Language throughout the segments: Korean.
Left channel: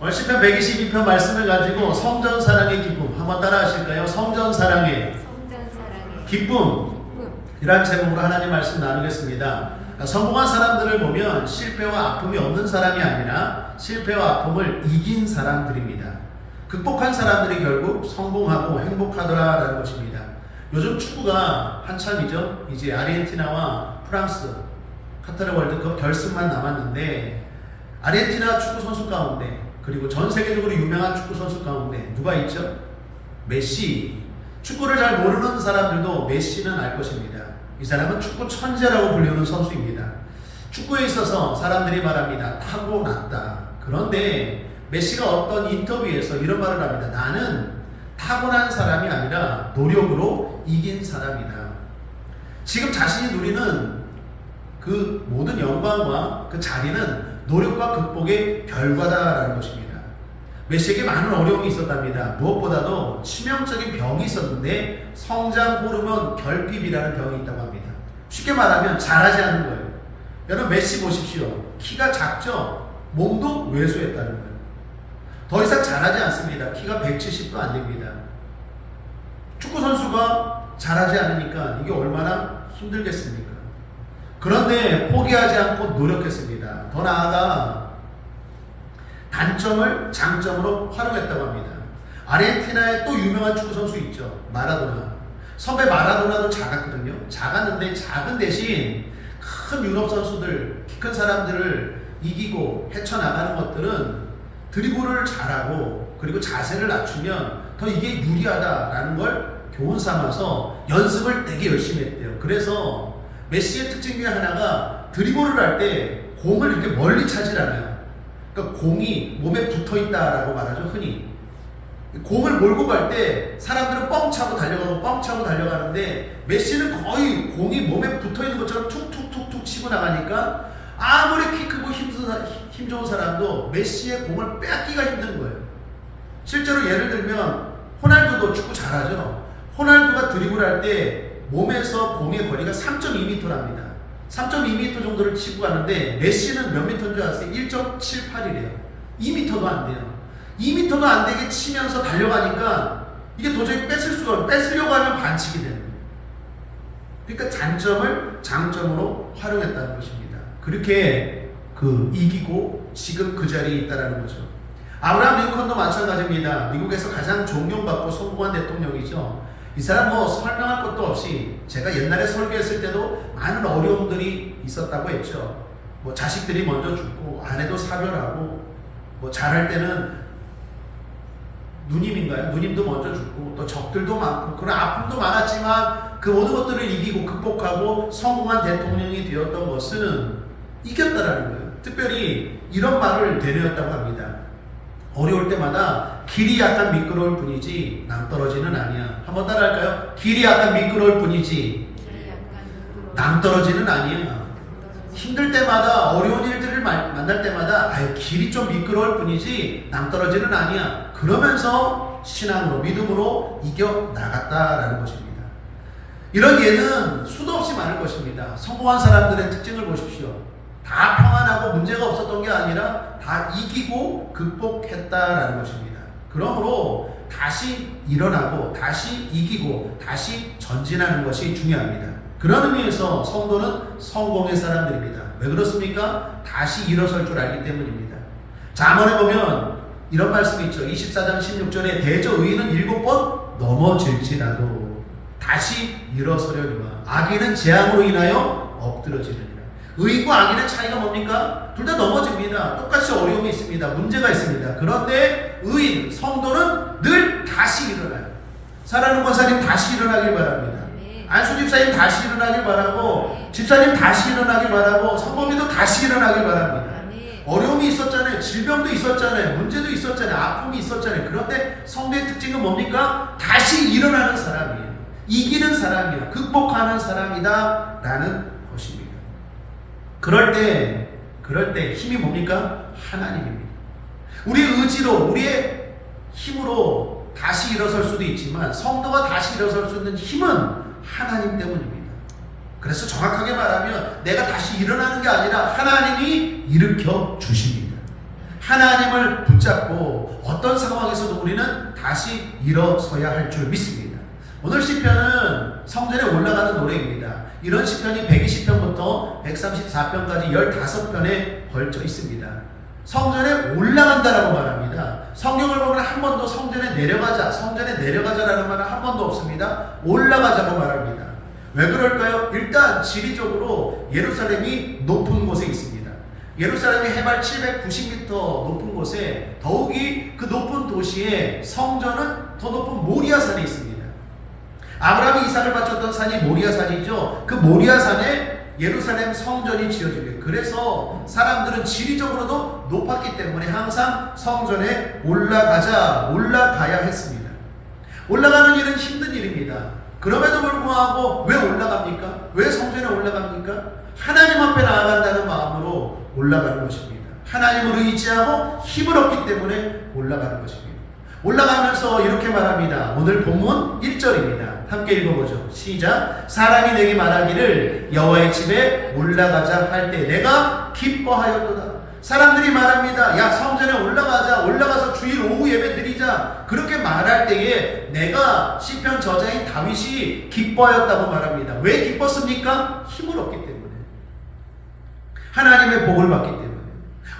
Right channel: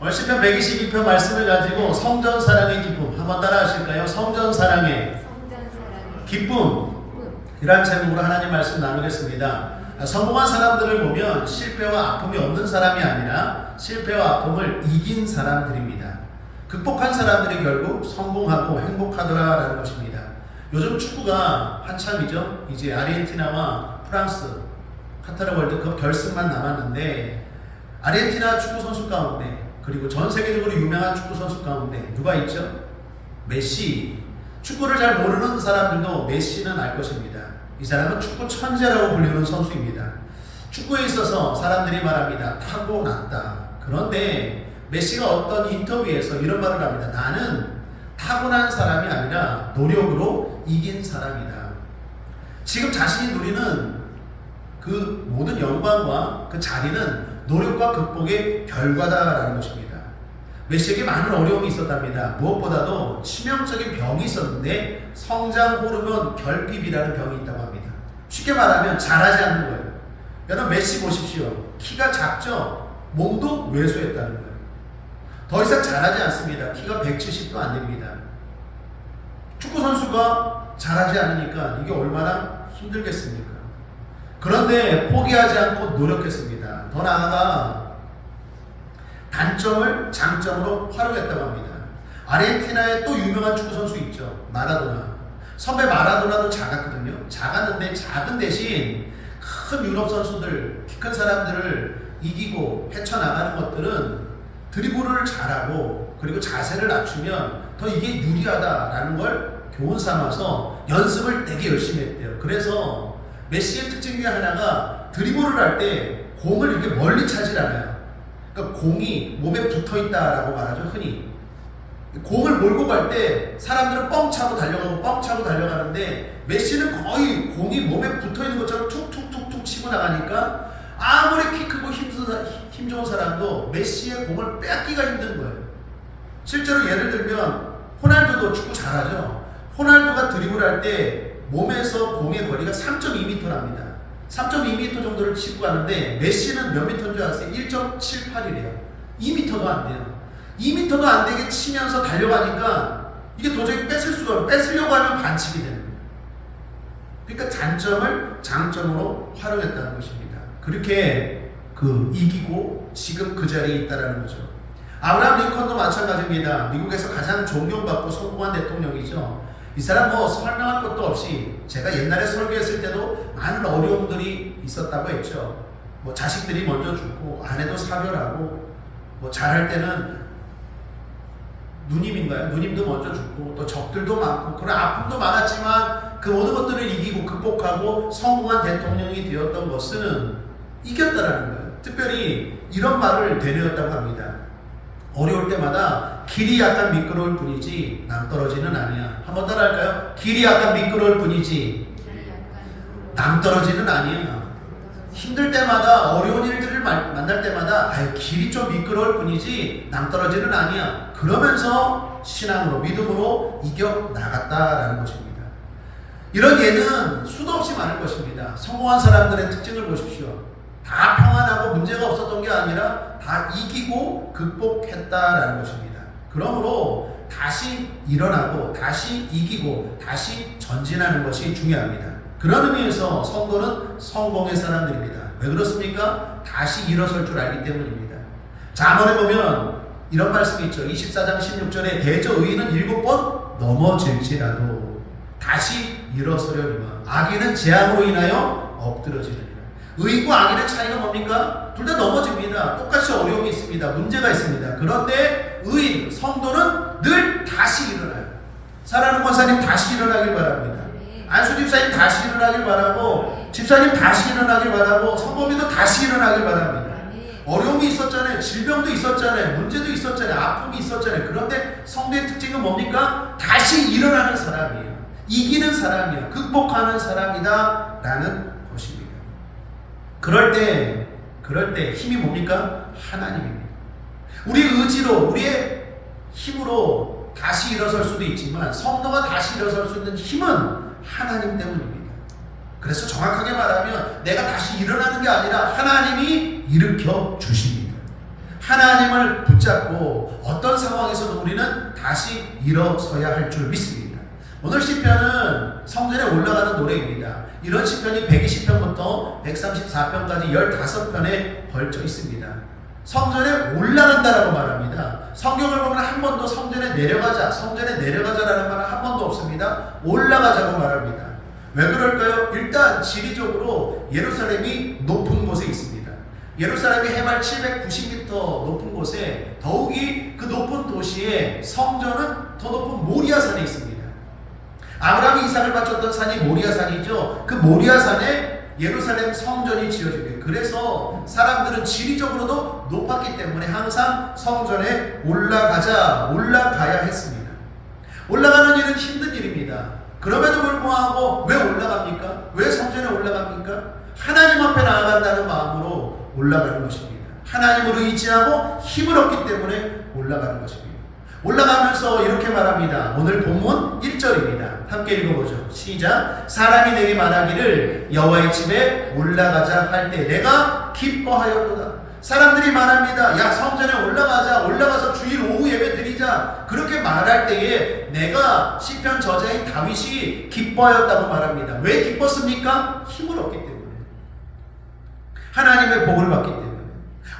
오늘 시편 122편 말씀을 가지고 성전 사랑의 기쁨 한번 따라 하실까요? 성전 사랑의 기쁨이란 제목으로 하나님 말씀 나누겠습니다. 성공한 사람들을 보면 실패와 아픔이 없는 사람이 아니라 실패와 아픔을 이긴 사람들입니다. 극복한 사람들이 결국 성공하고 행복하더라라는 것입니다. 요즘 축구가 한참이죠. 이제 아르헨티나와 프랑스 카타르 월드컵 결승만 남았는데 아르헨티나 축구 선수 가운데 그리고 전 세계적으로 유명한 축구 선수 가운데 누가 있죠? 메시. 축구를 잘 모르는 사람들도 메시는 알 것입니다. 이 사람은 축구 천재라고 불리는 선수입니다. 축구에 있어서 사람들이 말합니다. 타고났다. 그런데 메시가 어떤 인터뷰에서 이런 말을 합니다. 나는 타고난 사람이 아니라 노력으로 이긴 사람이다. 지금 자신이 누리는 그 모든 영광과 그 자리는 노력과 극복의 결과다라는 것입니다. 메시에게 많은 어려움이 있었답니다. 무엇보다도 치명적인 병이 있었는데 성장 호르몬 결핍이라는 병이 있다고 합니다. 쉽게 말하면 자라지 않는 거예요. 여러분 메시 보십시오. 키가 작죠? 몸도 왜소했다는 거예요. 더 이상 자라지 않습니다. 키가 170도 안 됩니다. 축구 선수가 자라지 않으니까 이게 얼마나 힘들겠습니까? 그런데 포기하지 않고 노력했습니다. 더 나아가 단점을 장점으로 활용했다고 합니다. 아르헨티나에 또 유명한 축구 선수 있죠. 마라도나. 섬의 마라도나도 작았거든요. 작았는데 작은 대신 큰 유럽 선수들, 키 큰 사람들을 이기고 헤쳐나가는 것들은 드리블을 잘하고 그리고 자세를 낮추면 더 이게 유리하다라는 걸 교훈 삼아서 연습을 되게 열심히 했대요. 그래서 메시의 특징 중에 하나가 드리블을 할 때 공을 이렇게 멀리 차질 않아요. 그러니까 공이 몸에 붙어 있다라고 말하죠, 흔히. 공을 몰고 갈 때 사람들은 뻥 차고 달려가고 뻥 차고 달려가는데 메시는 거의 공이 몸에 붙어 있는 것처럼 툭툭툭툭 치고 나가니까 아무리 키 크고 힘 좋은 사람도 메시의 공을 뺏기가 힘든 거예요. 실제로 예를 들면 호날두도 축구 잘하죠. 호날두가 드리블할 때 몸에서 공의 거리가 3.2m랍니다. 3.2m 정도를 치고 가는데 메시는 몇 미터인 줄 아세요? 1.78이래요. 2m도 안 돼요. 2m도 안 되게 치면서 달려가니까 이게 도저히 뺏으려고 하면 반칙이 되는 거예요. 그러니까 단점을 장점으로 활용했다는 것입니다. 그렇게 이기고 지금 그 자리에 있다는 거죠. 아브라함 링컨도 마찬가지입니다. 미국에서 가장 존경받고 성공한 대통령이죠. 이 사람 설명할 것도 없이 제가 옛날에 설교했을 때도 많은 어려움들이 있었다고 했죠. 자식들이 먼저 죽고 아내도 사별하고 잘할 때는 누님도 먼저 죽고 또 적들도 많고 그런 아픔도 많았지만 그 모든 것들을 이기고 극복하고 성공한 대통령이 되었던 것은 이겼다라는 거예요. 특별히 이런 말을 되뇌었다고 합니다. 어려울 때마다 길이 약간 미끄러울 뿐이지 낭떠러지는 아니야. 한번 따라할까요? 길이 약간 미끄러울 뿐이지 낭떠러지는 아니에요. 힘들 때마다 어려운 일들을 만날 때마다 길이 좀 미끄러울 뿐이지 낭떠러지는 아니야. 그러면서 신앙으로 믿음으로 이겨나갔다라는 것입니다. 이런 예는 수도 없이 많을 것입니다. 성공한 사람들의 특징을 보십시오. 다 평안하고 문제가 없었던 게 아니라 다 이기고 극복했다라는 것입니다. 그러므로 다시 일어나고 다시 이기고 다시 전진하는 것이 중요합니다. 그런 의미에서 성도는 성공의 사람들입니다. 왜 그렇습니까? 다시 일어설 줄 알기 때문입니다. 잠언에 보면 이런 말씀이 있죠. 24장 16절에 대저 의인은 7번 넘어질지라도 다시 일어서려니와 악인은 재앙으로 인하여 엎드러지리라. 의인과 악인의 차이가 뭡니까? 둘 다 넘어집니다. 똑같이 어려움이 있습니다. 문제가 있습니다. 그런데 의인, 성도는 늘 다시 일어나요. 사랑하는 권사님 다시 일어나길 바랍니다. 안수 집사님 다시 일어나길 바라고, 집사님 다시 일어나길 바라고, 성범이도 다시 일어나길 바랍니다. 어려움이 있었잖아요. 질병도 있었잖아요. 문제도 있었잖아요. 아픔이 있었잖아요. 그런데 성도의 특징은 뭡니까? 다시 일어나는 사람이에요. 이기는 사람이에요. 극복하는 사람이다 라는 것입니다. 그럴 때 힘이 뭡니까? 하나님입니다. 우리의 의지로, 우리의 힘으로 다시 일어설 수도 있지만 성도가 다시 일어설 수 있는 힘은 하나님 때문입니다. 그래서 정확하게 말하면 내가 다시 일어나는 게 아니라 하나님이 일으켜 주십니다. 하나님을 붙잡고 어떤 상황에서도 우리는 다시 일어서야 할 줄 믿습니다. 오늘 시편은 성전에 올라가는 노래입니다. 이런 시편이 120편부터 134편까지 15편에 걸쳐 있습니다. 성전에 올라간다라고 말합니다. 성경을 보면 한 번도 성전에 내려가자라는 말은 한 번도 없습니다. 올라가자고 말합니다. 왜 그럴까요? 일단 지리적으로 예루살렘이 높은 곳에 있습니다. 예루살렘이 해발 790m 높은 곳에, 더욱이 그 높은 도시에 성전은 더 높은 모리아산에 있습니다. 아브라함이 이삭을 바쳤던 산이 모리아산이죠. 그 모리아산에 예루살렘 성전이 지어집니다. 그래서 사람들은 지리적으로도 높았기 때문에 항상 성전에 올라가야 했습니다. 올라가는 일은 힘든 일입니다. 그럼에도 불구하고 왜 올라갑니까? 왜 성전에 올라갑니까? 하나님 앞에 나아간다는 마음으로 올라가는 것입니다. 하나님으로 의지하고 힘을 얻기 때문에 올라가는 것입니다. 올라가면서 이렇게 말합니다. 오늘 본문 1절입니다. 함께 읽어보죠. 시작. 사람이 내게 말하기를 여호와의 집에 올라가자 할 때 내가 기뻐하였도다. 사람들이 말합니다. 야, 성전에 올라가서 주일 오후 예배 드리자. 그렇게 말할 때에 내가 시편 저자인 다윗이 기뻐하였다고 말합니다. 왜 기뻤습니까? 힘을 얻기 때문에, 하나님의 복을 받기 때문에.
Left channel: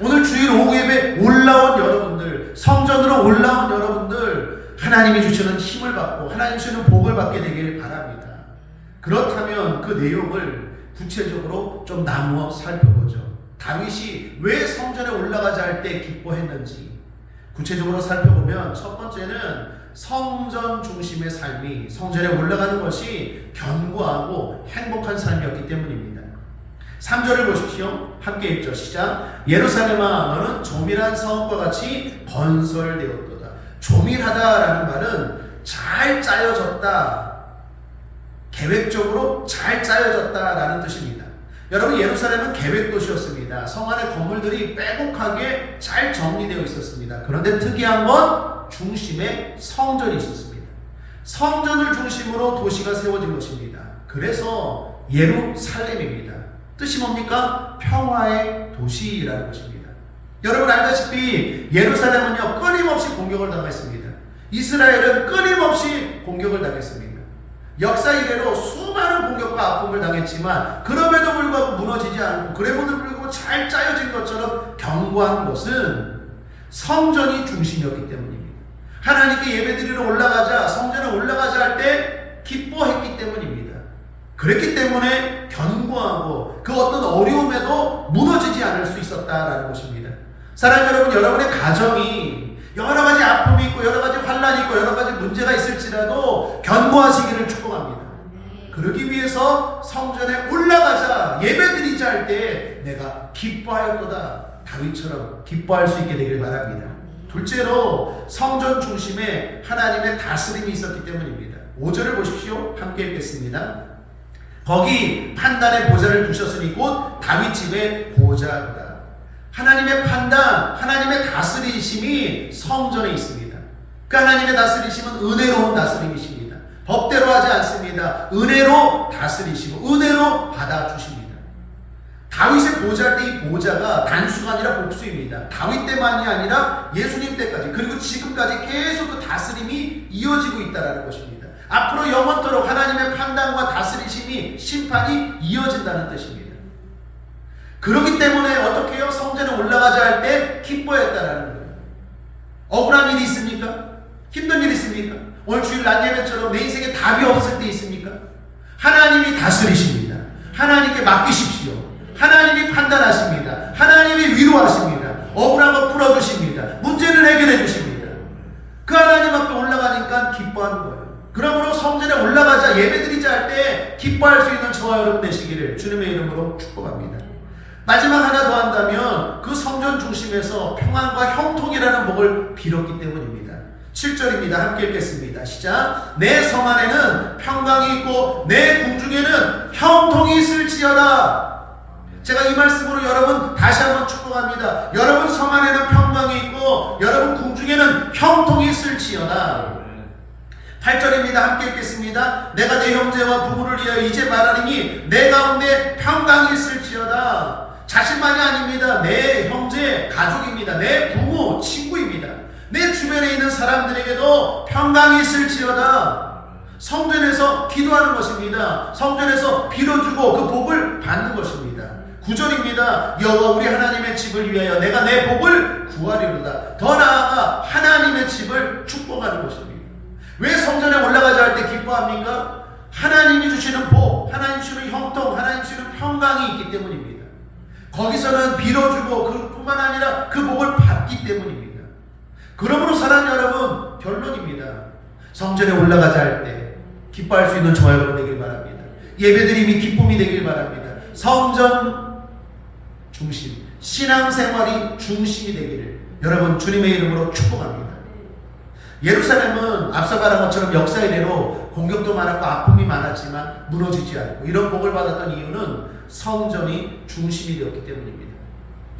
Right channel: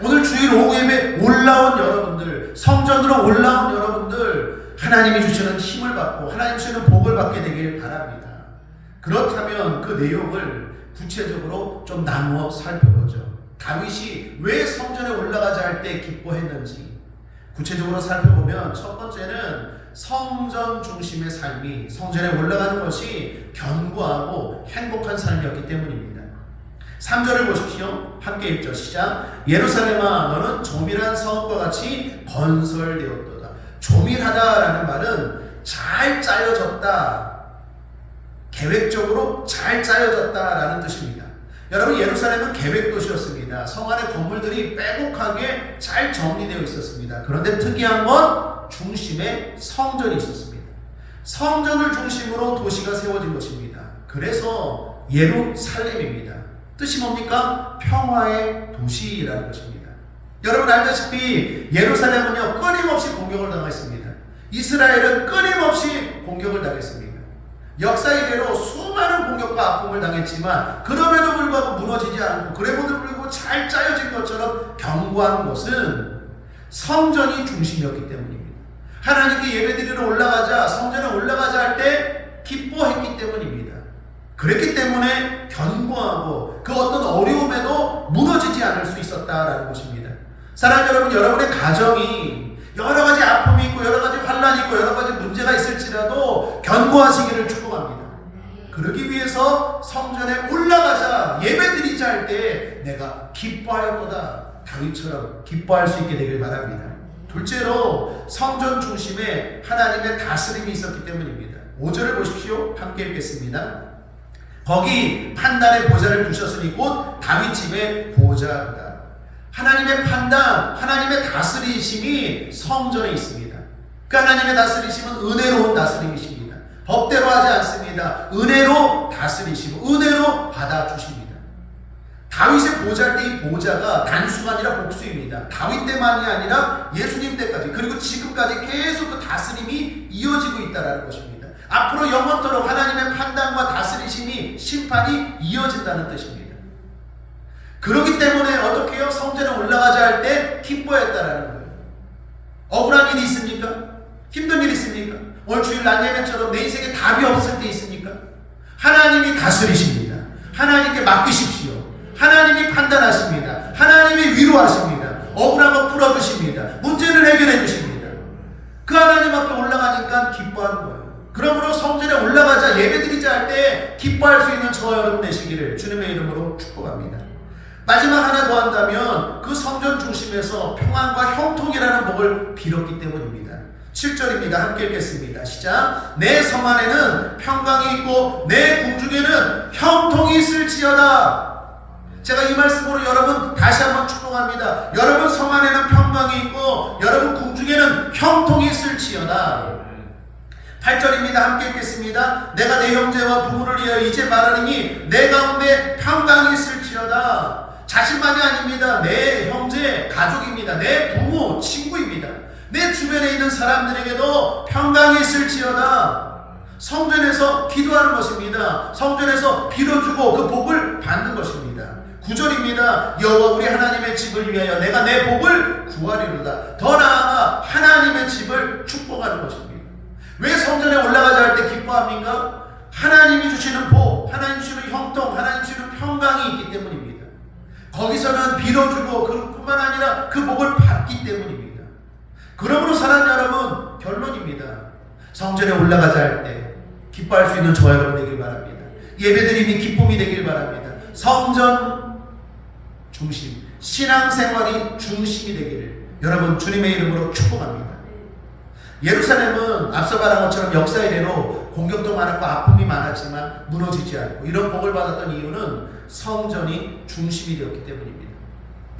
오늘 주일 오후 예배 올라온 여러분들, 성전으로 올라온 여러분들, 하나님이 주시는 힘을 받고 하나님 주시는 복을 받게 되길 바랍니다. 그렇다면 그 내용을 구체적으로 좀 나누어 살펴보죠. 다윗이 왜 성전에 올라가자 할 때 기뻐했는지 구체적으로 살펴보면, 첫 번째는 성전 중심의 삶이, 성전에 올라가는 것이 견고하고 행복한 삶이었기 때문입니다. 3절을 보십시오. 함께 읽죠. 시작. 예루살렘아 너는 조밀한 성과 같이 건설되었도다. 조밀하다라는 말은 잘 짜여졌다, 계획적으로 잘 짜여졌다라는 뜻입니다. 여러분, 예루살렘은 계획도시였습니다. 성 안의 건물들이 빼곡하게 잘 정리되어 있었습니다. 그런데 특이한 건 중심에 성전이 있었습니다. 성전을 중심으로 도시가 세워진 것입니다. 그래서 예루살렘입니다. 뜻이 뭡니까? 평화의 도시라는 것입니다. 여러분 알다시피 예루살렘은요 끊임없이 공격을 당했습니다. 이스라엘은 끊임없이 공격을 당했습니다. 역사 이래로 수많은 공격과 아픔을 당했지만 그럼에도 불구하고 무너지지 않고, 그럼에도 불구하고 잘 짜여진 것처럼 견고한 것은 성전이 중심이었기 때문입니다. 하나님께 예배드리러 올라가자, 성전에 올라가자 할 때 기뻐했기 때문입니다. 그랬기 때문에 견고하고 그 어떤 어려움에도 무너지지 않을 수 있었다라는 것입니다. 사랑하는 여러분, 여러분의 가정이 여러 가지 아픔이 있고 여러 가지 환란이 있고 여러 가지 문제가 있을지라도 견고하시기를 축복합니다. 그러기 위해서 성전에 올라가자, 예배드리자 할 때 내가 기뻐하였도다, 다윗처럼 기뻐할 수 있게 되길 바랍니다. 둘째로 성전 중심에 하나님의 다스림이 있었기 때문입니다. 5절을 보십시오. 함께 읽겠습니다. 거기 판단의 보좌를 두셨으니 곧 다윗 집의 보좌보다. 하나님의 판단, 하나님의 다스리심이 성전에 있습니다. 그 하나님의 다스리심은 은혜로운 다스림이십니다. 법대로 하지 않습니다. 은혜로 다스리시고 은혜로 받아주십니다. 다윗의 보좌할 때 이 보좌가 단수가 아니라 복수입니다. 다윗 때만이 아니라 예수님 때까지, 그리고 지금까지 계속 그 다스림이 이어지고 있다는 것입니다. 앞으로 영원토록 하나님의 판단과 다스리심이, 심판이 이어진다는 뜻입니다. 그렇기 때문에 어떻게 해요? 성전에 올라가자 할 때 기뻐했다라는 거예요. 억울한 일이 있습니까? 힘든 일이 있습니까? 오늘 주일 낮 예배처럼 내 인생에 답이 없을 때 있습니까? 하나님이 다스리십니다. 하나님께 맡기십시오. 하나님이 판단하십니다. 하나님이 위로하십니다. 억울한 거 풀어주십니다. 문제를 해결해 주십니다. 그 하나님 앞에 올라가니까 기뻐하는 거예요. 그러므로 성전에 올라가자, 예배드리자 할 때 기뻐할 수 있는 저와 여러분 되시기를 주님의 이름으로 축복합니다. 마지막 하나 더 한다면 그 성전 중심에서 평안과 형통이라는 복을 빌었기 때문입니다. 7절입니다. 함께 읽겠습니다. 시작. 내 성 안에는 평강이 있고 내 궁중에는 형통이 있을지어다. 제가 이 말씀으로 여러분 다시 한번 축복합니다. 여러분 성 안에는 평강이 있고 여러분 궁중에는 형통이 있을지어다. 8절입니다. 함께 읽겠습니다. 내가 내 형제와 부모를 위하여 이제 말하리니 내 가운데 평강이 있을지어다. 자신만이 아닙니다. 내 형제, 가족입니다. 내 친구입니다. 내 주변에 있는 사람들에게도 평강이 있을지어다. 성전에서 기도하는 것입니다. 성전에서 빌어주고 그 복을 받는 것입니다. 9절입니다. 여호와 우리 하나님의 집을 위하여 내가 내 복을 구하리로다. 더 나아가 하나님의 집을 축복하는 것입니다. 왜 성전에 올라가자 할 때 기뻐합니까? 하나님이 주시는 복, 하나님 주시는 형통, 하나님 주시는 평강이 있기 때문입니다. 거기서는 빌어주고 그뿐만 아니라 그 복을 받기 때문입니다. 그러므로 사랑하는 여러분, 결론입니다. 성전에 올라가자 할 때 기뻐할 수 있는 저와 여러분 되길 바랍니다. 예배드림이 기쁨이 되길 바랍니다. 성전 중심, 신앙생활이 중심이 되기를 여러분 주님의 이름으로 축복합니다. 예루살렘은 앞서 말한 것처럼 역사의 대로 공격도 많았고 아픔이 많았지만 무너지지 않고 이런 복을 받았던 이유는 성전이 중심이 되었기 때문입니다.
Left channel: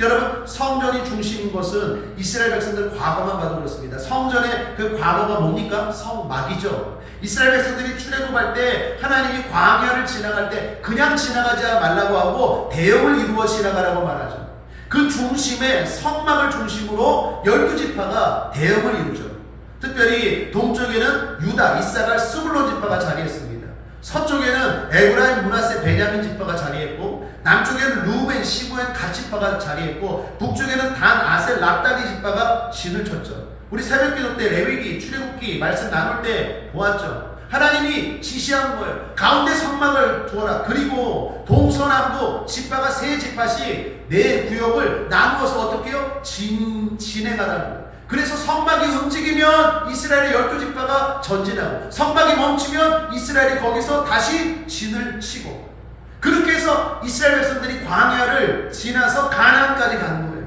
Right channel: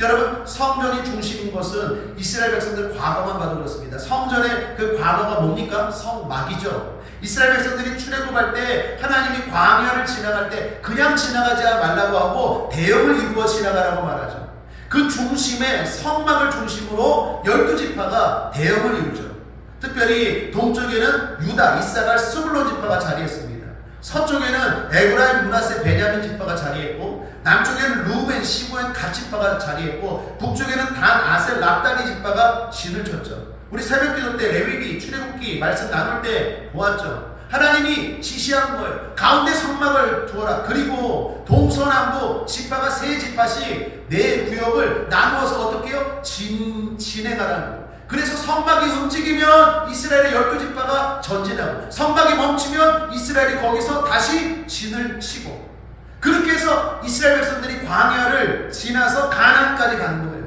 여러분, 성전이 중심인 것은 이스라엘 백성들 과거만 봐도 그렇습니다. 성전의 그 과거가 뭡니까? 성막이죠. 이스라엘 백성들이 출애굽할 때 하나님이 광야를 지나갈 때 그냥 지나가지 말라고 하고 대역을 이루어 지나가라고 말하죠. 그 중심에 성막을 중심으로 12지파가 대역을 이루죠. 특별히 동쪽에는 유다, 이사갈, 스불론 지파가 자리했습니다. 서쪽에는 에브라임, 므낫세, 베냐민 지파가 자리했고 남쪽에는 루벤, 시므온, 갓 지파가 자리했고 북쪽에는 단, 아셀, 납달리 지파가 진을 쳤죠. 우리 새벽기도 때 레위기, 출애굽기 말씀 나눌 때 보았죠. 하나님이 지시한 거예요. 가운데 성막을 두어라. 그리고 동서남북 지파가 3지파씩 4구역을 나누어서 어떻게 해요? 진행하라는 거예요. 그래서 성막이 움직이면 이스라엘의 12지파가 전진하고 성막이 멈추면 이스라엘이 거기서 다시 진을 치고 그렇게 해서 이스라엘 백성들이 광야를 지나서 가나안까지 가는 거예요.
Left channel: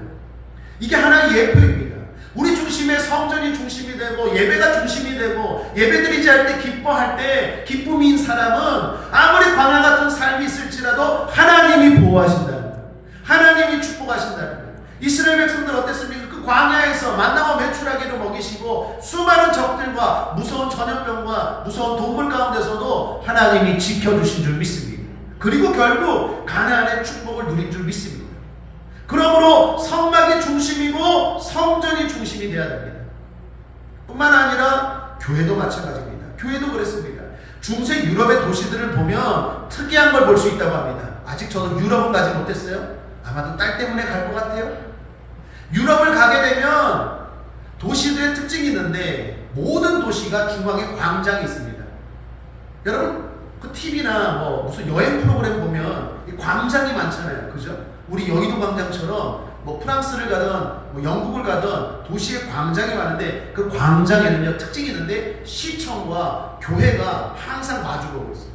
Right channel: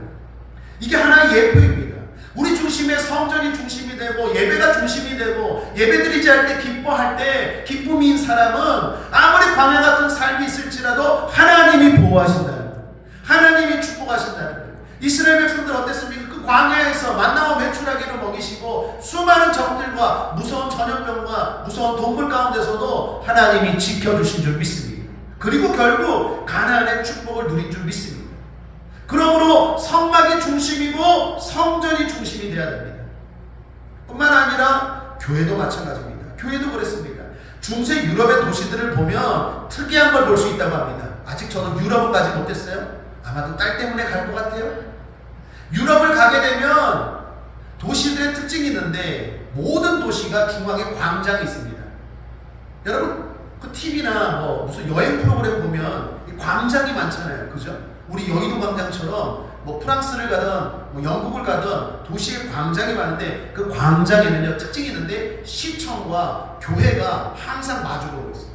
이게 하나의 예표입니다. 우리 중심에 성전이 중심이 되고 예배가 중심이 되고 예배드리지 할 때 기뻐할 때 기쁨인 사람은 아무리 광야 같은 삶이 있을지라도 하나님이 보호하신다는 거예요. 하나님이 축복하신다는 거예요. 이스라엘 백성들 어땠습니까? 그 광야에서 만나고 메추라기를 먹이시고 수많은 적들과 무서운 전염병과 무서운 동물 가운데서도 하나님이 지켜주신 줄 믿습니다. 그리고 결국 가나안의 축복을 누린 줄 믿습니다. 그러므로 성막이 중심이고 성전이 중심이 되어야 됩니다. 뿐만 아니라 교회도 마찬가지입니다. 교회도 그랬습니다. 중세 유럽의 도시들을 보면 특이한 걸 볼 수 있다고 합니다. 아직 저도 유럽은 가지 못했어요. 아마도 딸 때문에 갈 것 같아요. 유럽을 가게 되면 도시들의 특징이 있는데 모든 도시가 중앙에 광장이 있습니다. 여러분 그 TV나 무슨 여행 프로그램 보면 광장이 많잖아요. 그죠? 우리 여의도 광장처럼 프랑스를 가든 영국을 가든 도시에 광장이 많은데 그 광장에는요 특징이 있는데 시청과 교회가 항상 마주보고 있어요.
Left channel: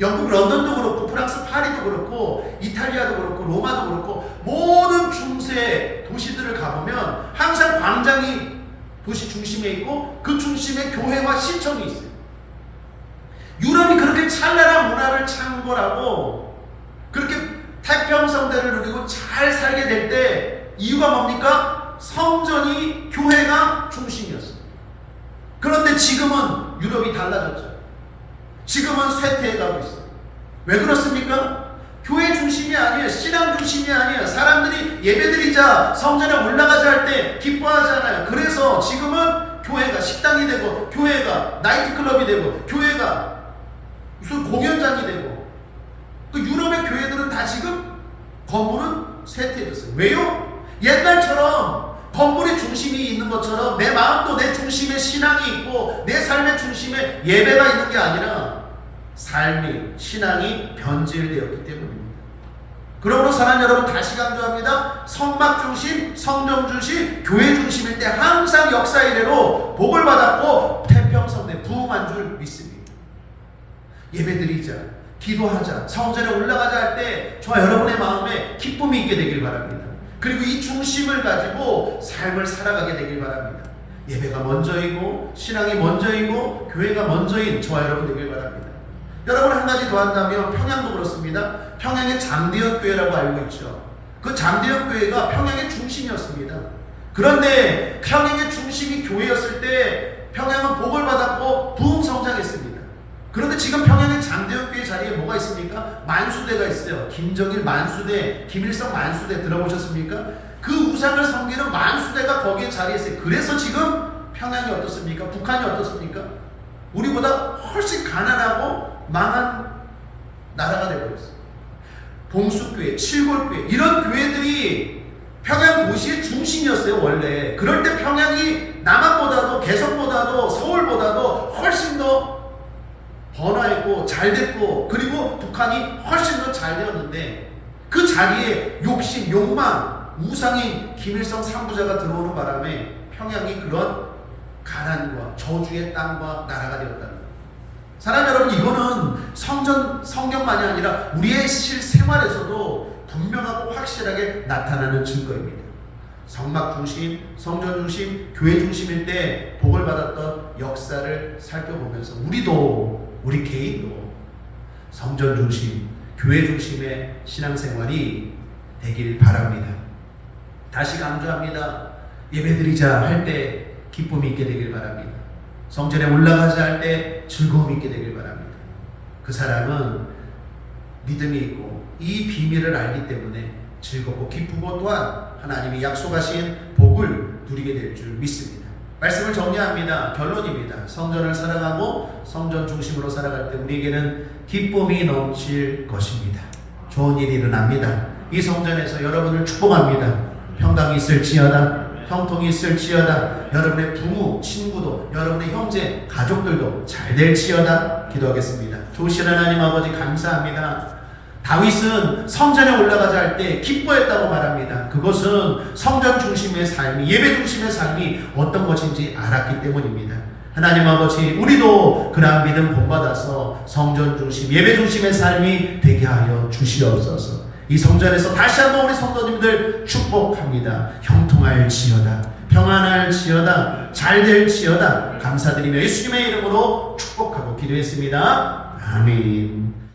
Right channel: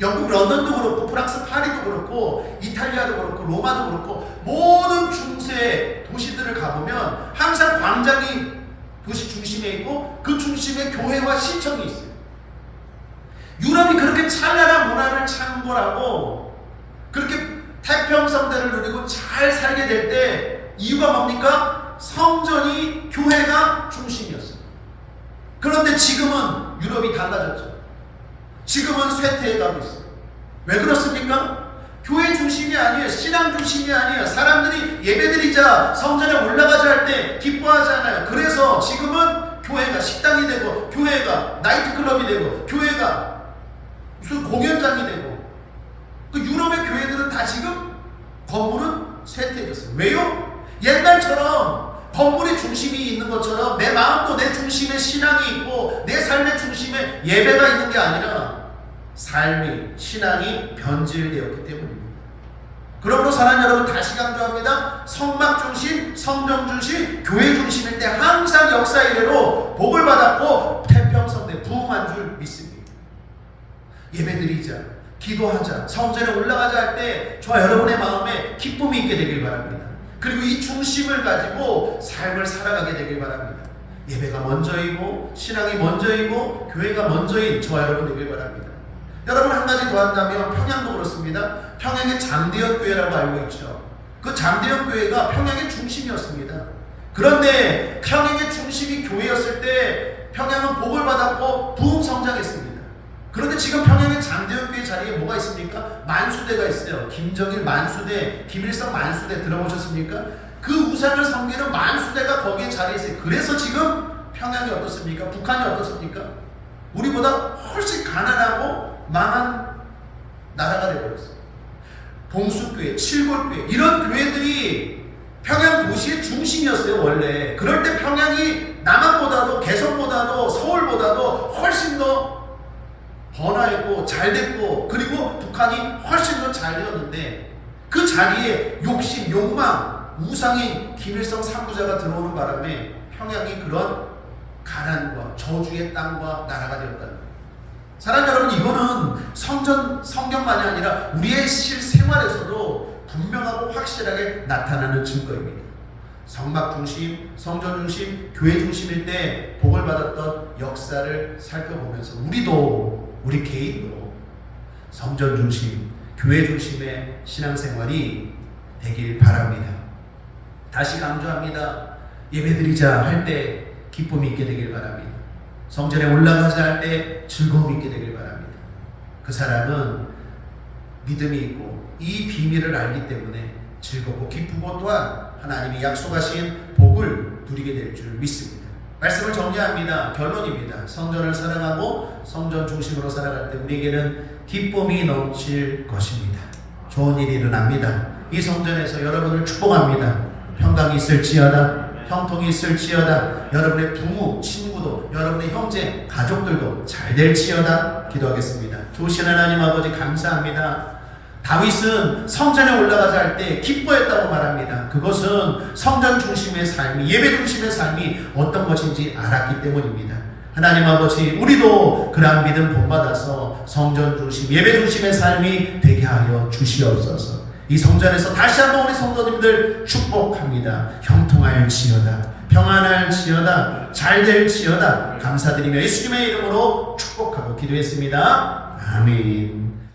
영국 런던도 그렇고 프랑스 파리도 그렇고 이탈리아도 그렇고 로마도 그렇고 모든 중세 도시들을 가보면 항상 광장이 도시 중심에 있고 그 중심에 교회와 시청이 있어요. 유럽이 그렇게 찬란한 문화를 창궐하고 그렇게 태평성대를 누리고 잘 살게 될 때 이유가 뭡니까? 성전이 교회가 중심이었어요. 그런데 지금은 유럽이 달라졌죠. 지금은 쇠퇴해가고 있어요. 왜 그렇습니까? 교회 중심이 아니에요. 신앙 중심이 아니에요. 사람들이 예배드리자 성전에 올라가자 할 때 기뻐하잖아요. 그래서 지금은 교회가 식당이 되고 교회가 나이트클럽이 되고 교회가 무슨 공연장이 되고 그 유럽의 교회들은 다 지금 건물은 쇠퇴했어요. 왜요? 옛날처럼 건물의 중심이 있는 것처럼 내 마음도 내 중심에 신앙이 있고 내 삶의 중심에 예배가 있는 게 아니라 삶이 신앙이 변질되었기 때문입니다. 그러므로 사랑하는 여러분 다시 강조합니다. 성막 중심, 성전 중심, 교회 중심일 때 항상 역사 이래로 복을 받았고 태평성대 부흥한 줄 믿습니다. 예배드리자, 기도하자, 성전에 올라가자 할 때 저와 여러분의 마음에 기쁨이 있게 되길 바랍니다. 그리고 이 중심을 가지고 삶을 살아가게 되길 바랍니다. 예배가 먼저이고 신앙이 먼저이고 교회가 먼저인 저와 여러분 되길 바랍니다. 여러분 한 가지 더 한다면 평양도 그렇습니다. 평양의 장대현 교회라고 알고 있죠. 그 장대현 교회가 평양의 중심이었습니다. 그런데 평양의 중심이 교회였을 때 평양은 복을 받았고 부흥성장했습니다. 그런데 지금 평양의 장대역교회 자리에 뭐가 있습니까? 만수대가 있어요. 김정일 만수대, 김일성 만수대 들어보셨습니까? 그 우상을 섬기는 만수대가 거기에 자리에 있어요. 그래서 지금 평양이 어떻습니까? 북한이 어떻습니까? 우리보다 훨씬 가난하고 망한 나라가 되어버렸어요. 봉수교회, 칠골교회 이런 교회들이 평양 도시의 중심이었어요. 원래 그럴 때 평양이 남한보다도 개성보다도 서울보다도 훨씬 더 번화했고 잘됐고 그리고 북한이 훨씬 더 잘 되었는데 그 자리에 욕심, 욕망, 우상인 김일성 3부자가 들어오는 바람에 평양이 그런 가난과 저주의 땅과 나라가 되었다는 거예요. 사랑하는 여러분, 이거는 성경만이 아니라 우리의 실생활에서도 분명하고 확실하게 나타나는 증거입니다. 성막 중심, 성전 중심, 교회 중심일 때 복을 받았던 역사를 살펴보면서 우리 개인도 성전 중심, 교회 중심의 신앙생활이 되길 바랍니다. 다시 강조합니다. 예배드리자 할 때 기쁨이 있게 되길 바랍니다. 성전에 올라가자 할 때 즐거움이 있게 되길 바랍니다. 그 사람은 믿음이 있고 이 비밀을 알기 때문에 즐겁고 기쁘고 또한 하나님이 약속하신 복을 누리게 될 줄 믿습니다. 말씀을 정리합니다. 결론입니다. 성전을 사랑하고 성전 중심으로 살아갈 때 우리에게는 기쁨이 넘칠 것입니다. 좋은 일이 일어납니다. 이 성전에서 여러분을 축복합니다. 평강이 있을지어다, 형통이 있을지어다, 여러분의 부모, 친구도, 여러분의 형제, 가족들도 잘 될지어다 기도하겠습니다. 좋으신 하나님 아버지 감사합니다. 다윗은 성전에 올라가자 할 때 기뻐했다고 말합니다. 그것은 성전 중심의 삶이, 예배 중심의 삶이 어떤 것인지 알았기 때문입니다. 하나님 아버지, 우리도 그러한 믿음 본받아서 성전 중심, 예배 중심의 삶이 되게 하여 주시옵소서. 이 성전에서 다시 한번 우리 성도님들 축복합니다. 형통할지어다, 평안할지어다, 잘될지어다 감사드리며 예수님의 이름으로 축복하고 기도했습니다. 아멘.